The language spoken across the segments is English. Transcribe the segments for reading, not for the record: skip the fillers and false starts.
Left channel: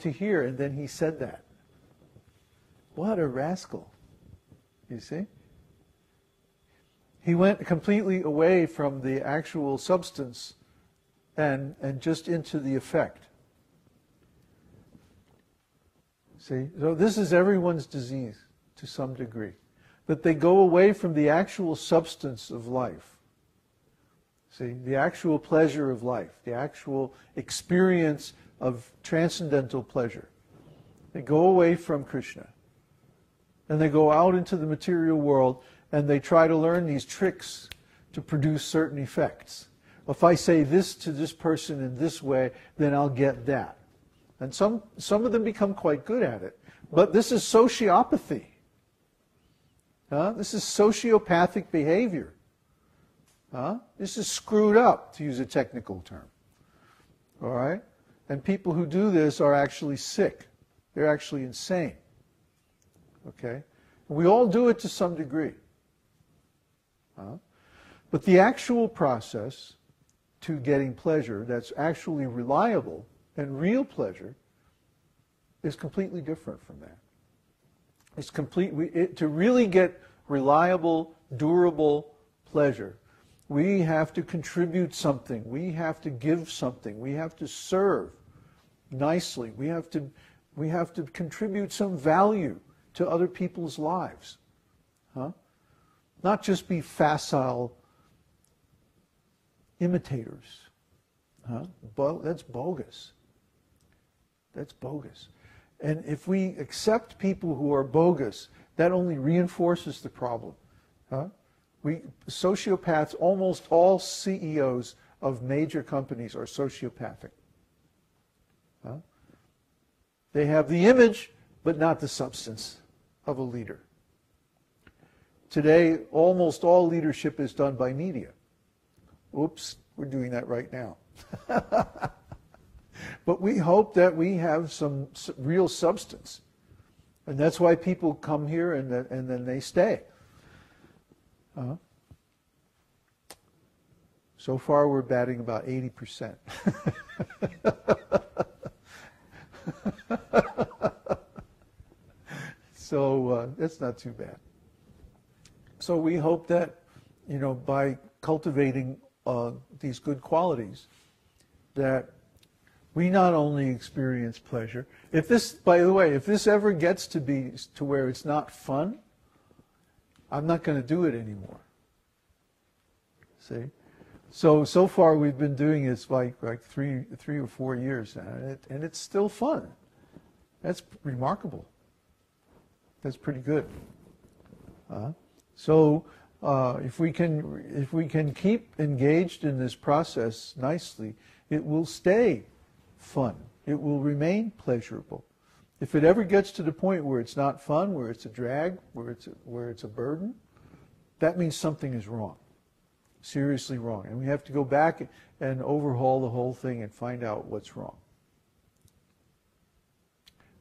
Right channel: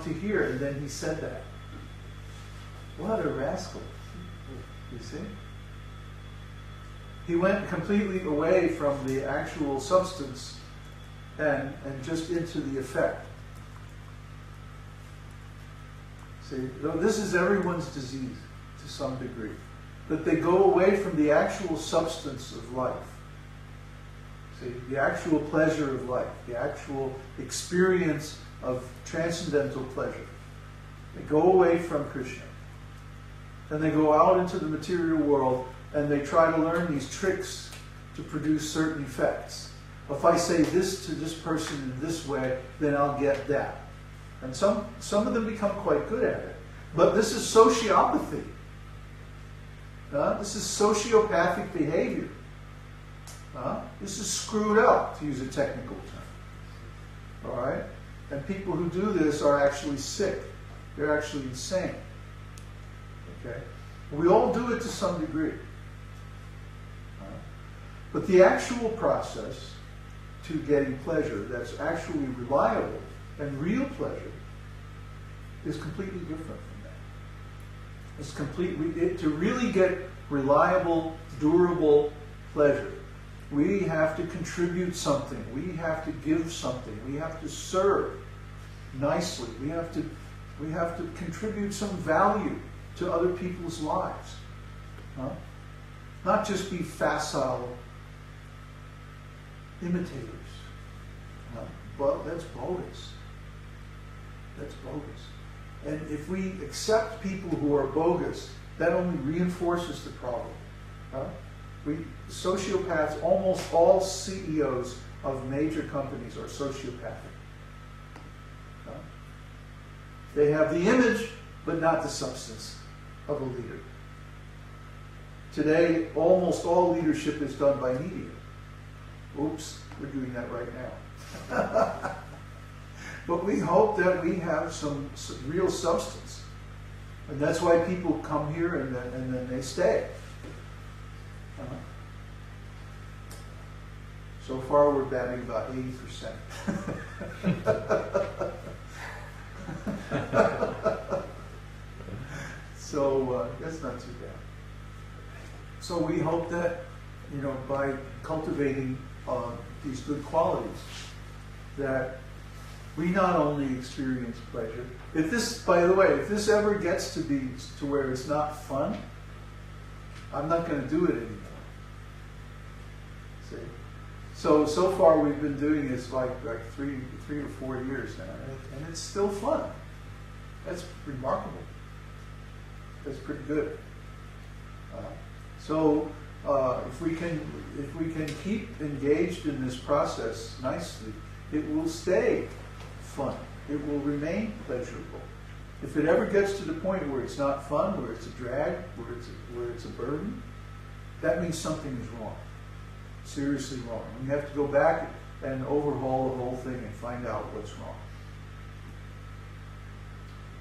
want to hear, and then he said that. What a rascal. You see? He went completely away from the actual substance and just into the effect. See, so this is everyone's disease to some degree. That they go away from the actual substance of life. See, the actual pleasure of life, the actual experience of transcendental pleasure. They go away from Krishna. And they go out into the material world and they try to learn these tricks to produce certain effects. If I say this to this person in this way, then I'll get that. And some of them become quite good at it. But this is sociopathy. This is sociopathic behavior. This is screwed up, to use a technical term. All right? And people who do this are actually sick. They're actually insane. Okay? We all do it to some degree. But the actual process to getting pleasure that's actually reliable and real pleasure is completely different from that. It's to really get reliable, durable pleasure, we have to contribute something. We have to give something. We have to serve nicely. We have to contribute some value to other people's lives. Not just be facile imitators. But that's bogus. That's bogus. And if we accept people who are bogus, that only reinforces the problem. Sociopaths, almost all CEOs of major companies are sociopathic. They have the image, but not the substance of a leader. Today, almost all leadership is done by media. Oops, we're doing that right now. But we hope that we have some real substance. And that's why people come here and then they stay. So far we're batting about 80%. So that's not too bad. So we hope that, by cultivating these good qualities, that we not only experience pleasure. If this, by the way, if this ever gets to be to where it's not fun, I'm not going to do it anymore. See? So far we've been doing this like 3 or 4 years now, and it's still fun. That's remarkable. That's pretty good. If we can keep engaged in this process nicely, it will stay fun. It will remain pleasurable. If it ever gets to the point where it's not fun, where it's a drag, where it's a burden, that means something is wrong. Seriously wrong. And we have to go back and overhaul the whole thing and find out what's wrong.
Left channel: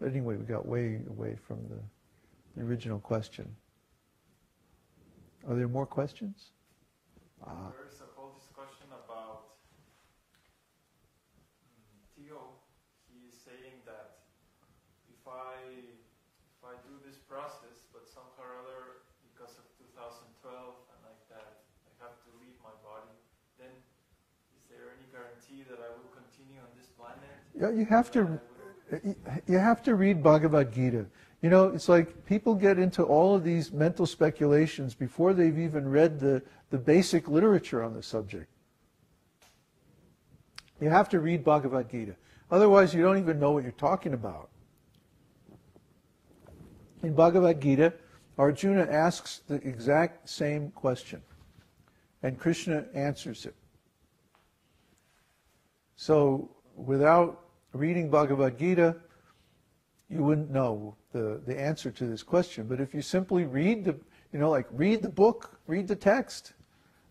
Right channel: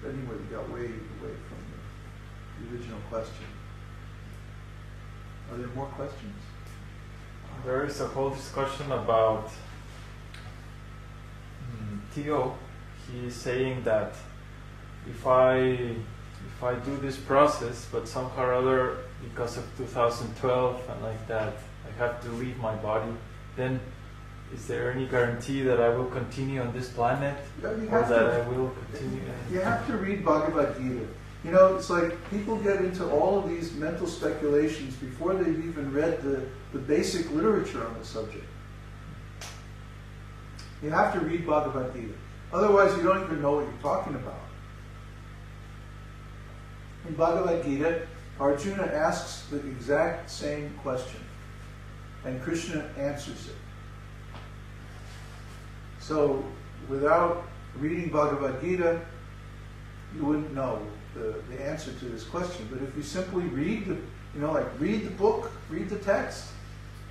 But anyway, we got way away from the original question. Are there more questions? There is a whole discussion about Theo. He's saying that if I do this process, but somehow or other, because of 2012 and like that, I have to leave my body, then is there any guarantee that I will continue on this planet? Yeah, you have to. I will continue. You have to read Bhagavad-Gītā. It's like people get into all of these mental speculations before they've even read the basic literature on the subject. You have to read Bhagavad-Gītā. Otherwise, you don't even know what you're talking about. In Bhagavad-Gītā, Arjuna asks the exact same question, and Krishna answers it. So, without reading Bhagavad-Gītā, you wouldn't know the answer to this question. But if you simply read read the book, read the text.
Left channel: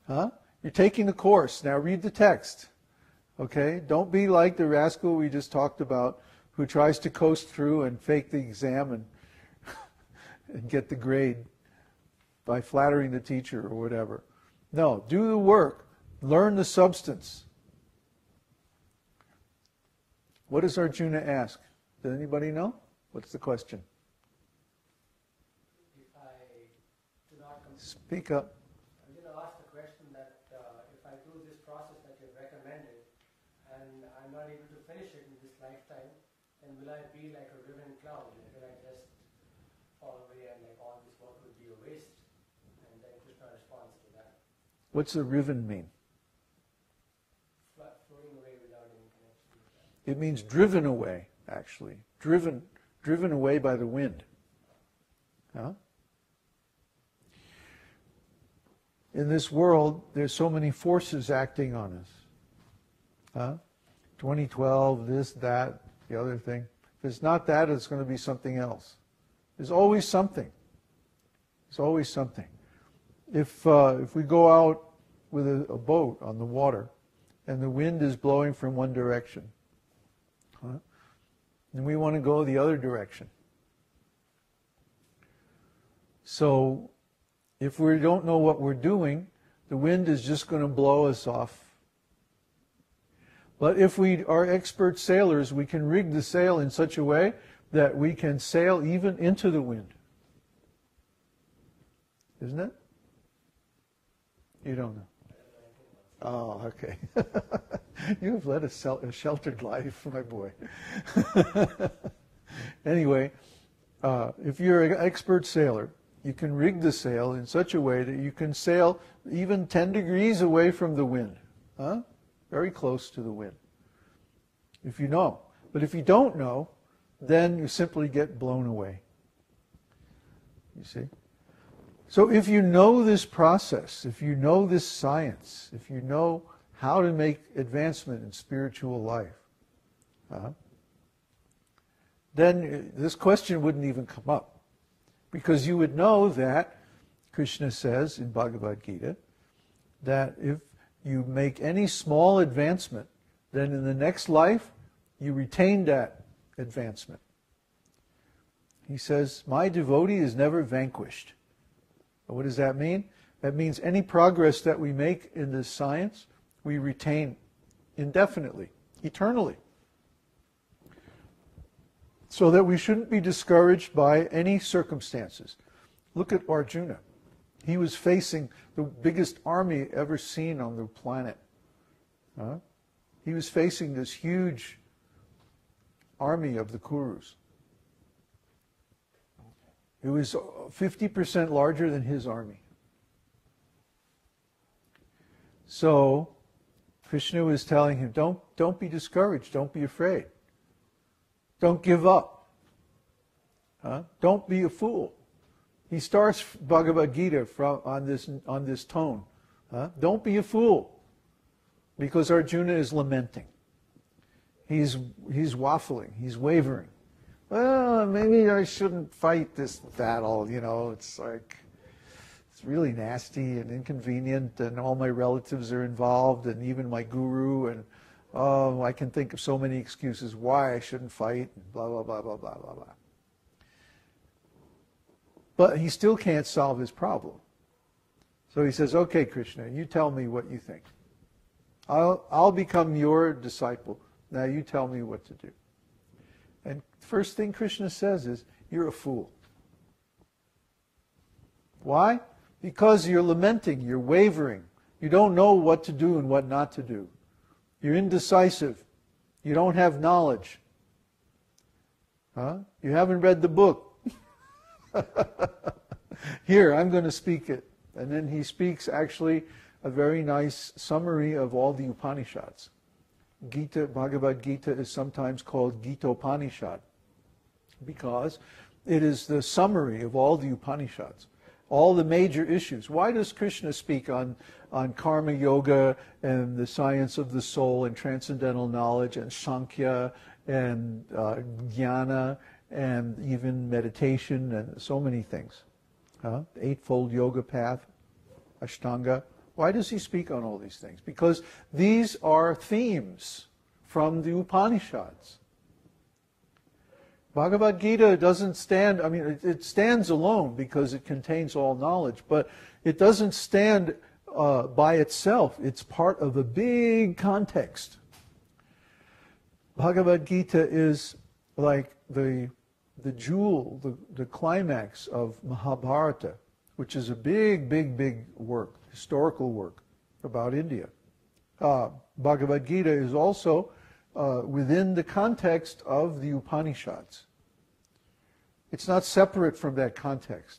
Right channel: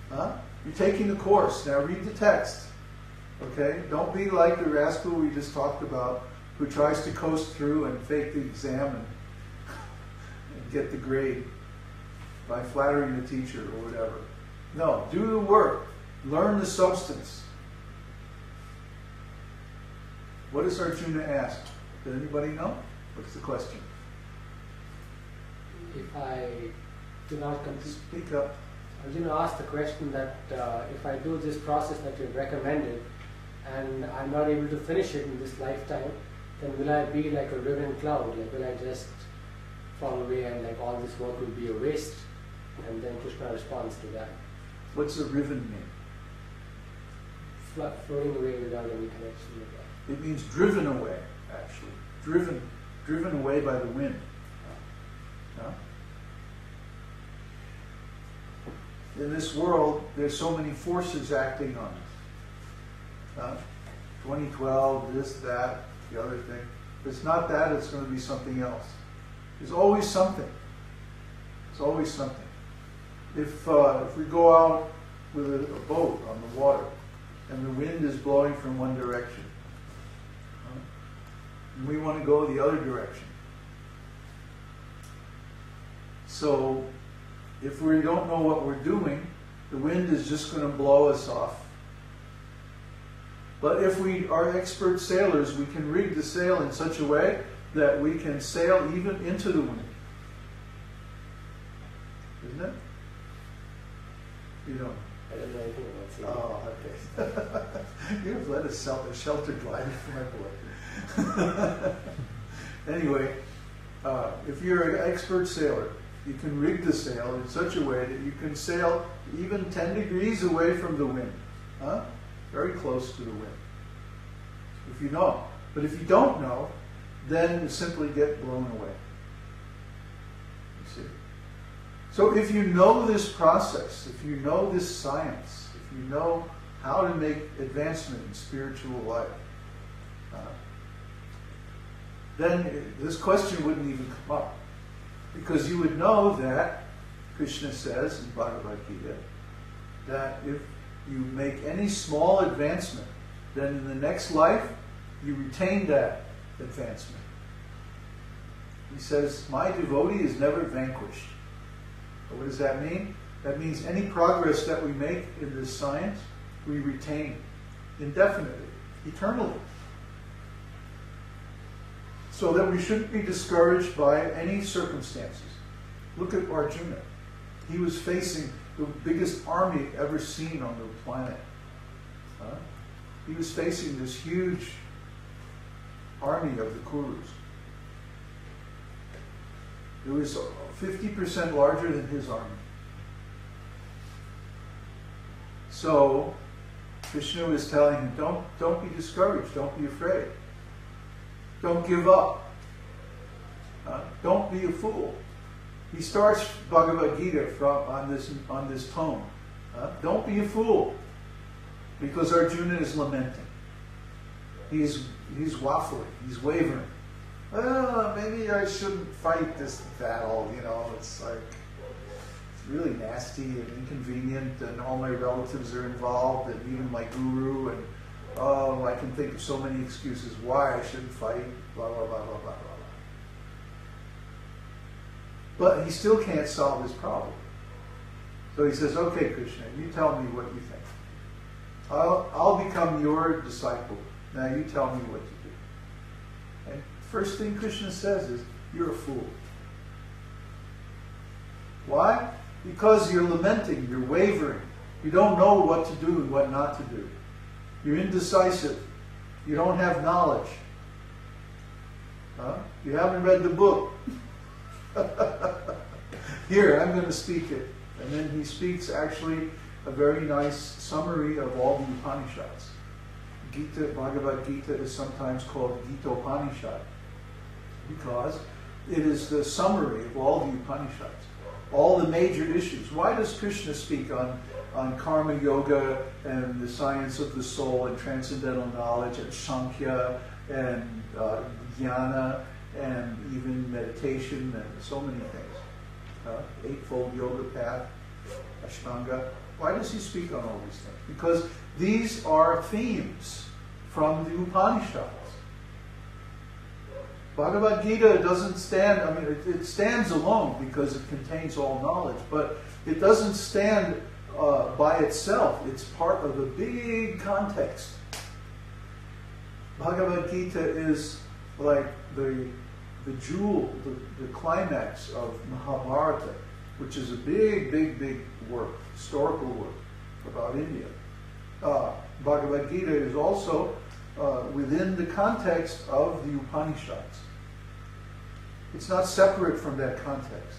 You're taking the course, now read the text. Okay? Don't be like the rascal we just talked about who tries to coast through and fake the exam and get the grade by flattering the teacher or whatever. No, do the work. Learn the substance. What does Arjuna ask? Does anybody know? What's the question? If I do not complete... Speak up. I was going to ask the question that if I do this process that you've recommended and I'm not able to finish it in this lifetime, then will I be like a riven cloud? Like will I just fall away and like all this work will be a waste? And then Krishna responds to that. What's the riven mean? Floating away without any connection with that. It means driven away, actually. Driven away by the wind. Huh? In this world, there's so many forces acting on us. Huh? 2012, this, that, the other thing. If it's not that, it's going to be something else. There's always something. There's always something. If we go out with a boat on the water, and the wind is blowing from one direction, huh? And we want to go the other direction. So, if we don't know what we're doing, the wind is just going to blow us off. But if we are expert sailors, we can rig the sail in such a way that we can sail even into the wind. Isn't it? You don't know. I don't know anything about sailing. Oh, okay. You've led a sheltered life, my boy. Anyway, if you're an expert sailor, you can rig the sail in such a way that you can sail even 10 degrees away from the wind. Huh? Very close to the wind. If you know. But if you don't know, then you simply get blown away. You see? So if you know this process, if you know this science, if you know how to make advancement in spiritual life, then this question wouldn't even come up. Because you would know that, Krishna says in Bhagavad-gītā, that if you make any small advancement, then in the next life, you retain that advancement. He says, my devotee is never vanquished. What does that mean? That means any progress that we make in this science, we retain indefinitely, eternally. So that we shouldn't be discouraged by any circumstances. Look at Arjuna. He was facing the biggest army ever seen on the planet. He was facing this huge army of the Kurus. It was 50% larger than his army. So, Krishna was telling him, don't be discouraged, don't be afraid. Don't give up. Don't be a fool. He starts Bhagavad-gītā on this tone. Don't be a fool. Because Arjuna is lamenting. He's waffling, he's wavering. Well, maybe I shouldn't fight this battle, it's like, it's really nasty and inconvenient, and all my relatives are involved, and even my guru, and I can think of so many excuses why I shouldn't fight, blah, blah, blah, blah, blah, blah, blah. But he still can't solve his problem. So he says, okay, Krishna, you tell me what you think. I'll become your disciple. Now you tell me what to do. And first thing Krishna says is, you're a fool. Why? Because you're lamenting, you're wavering. You don't know what to do and what not to do. You're indecisive. You don't have knowledge. You haven't read the book. Here, I'm going to speak it. And then he speaks actually a very nice summary of all the Upanishads. Bhagavad-gītā is sometimes called Gita-upanishad because it is the summary of all the Upanishads, all the major issues. Why does Krishna speak on karma yoga and the science of the soul and transcendental knowledge and Sankhya and jnana and even meditation and so many things? Eightfold yoga path, Ashtanga. Why does he speak on all these things? Because these are themes from the Upanishads. Bhagavad-gītā doesn't stand, it stands alone because it contains all knowledge, but it doesn't stand by itself. It's part of a big context. Bhagavad-gītā is like the jewel, the climax of Mahabharata, which is a big work, historical work about India. Bhagavad-gītā is also within the context of the Upanishads. It's not separate from that context.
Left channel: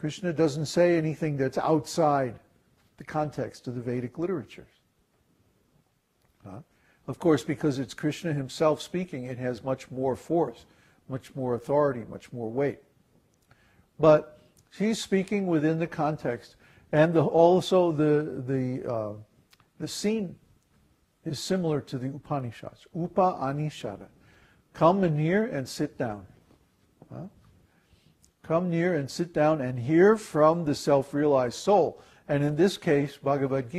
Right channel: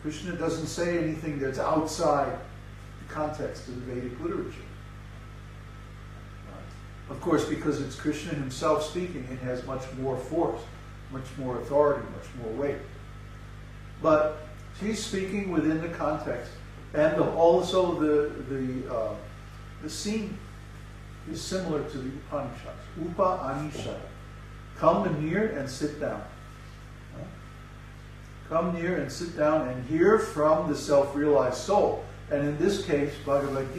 Krishna doesn't say anything that's outside the context of the Vedic literature. Of course, because it's Krishna himself speaking, it has much more force, much more authority, much more weight. But he's speaking within the context, and also the scene is similar to the Upanishads. Upa Anishara. Come near and sit down. Come near and sit down and hear from the self-realized soul. And in this case, Bhagavad-gītā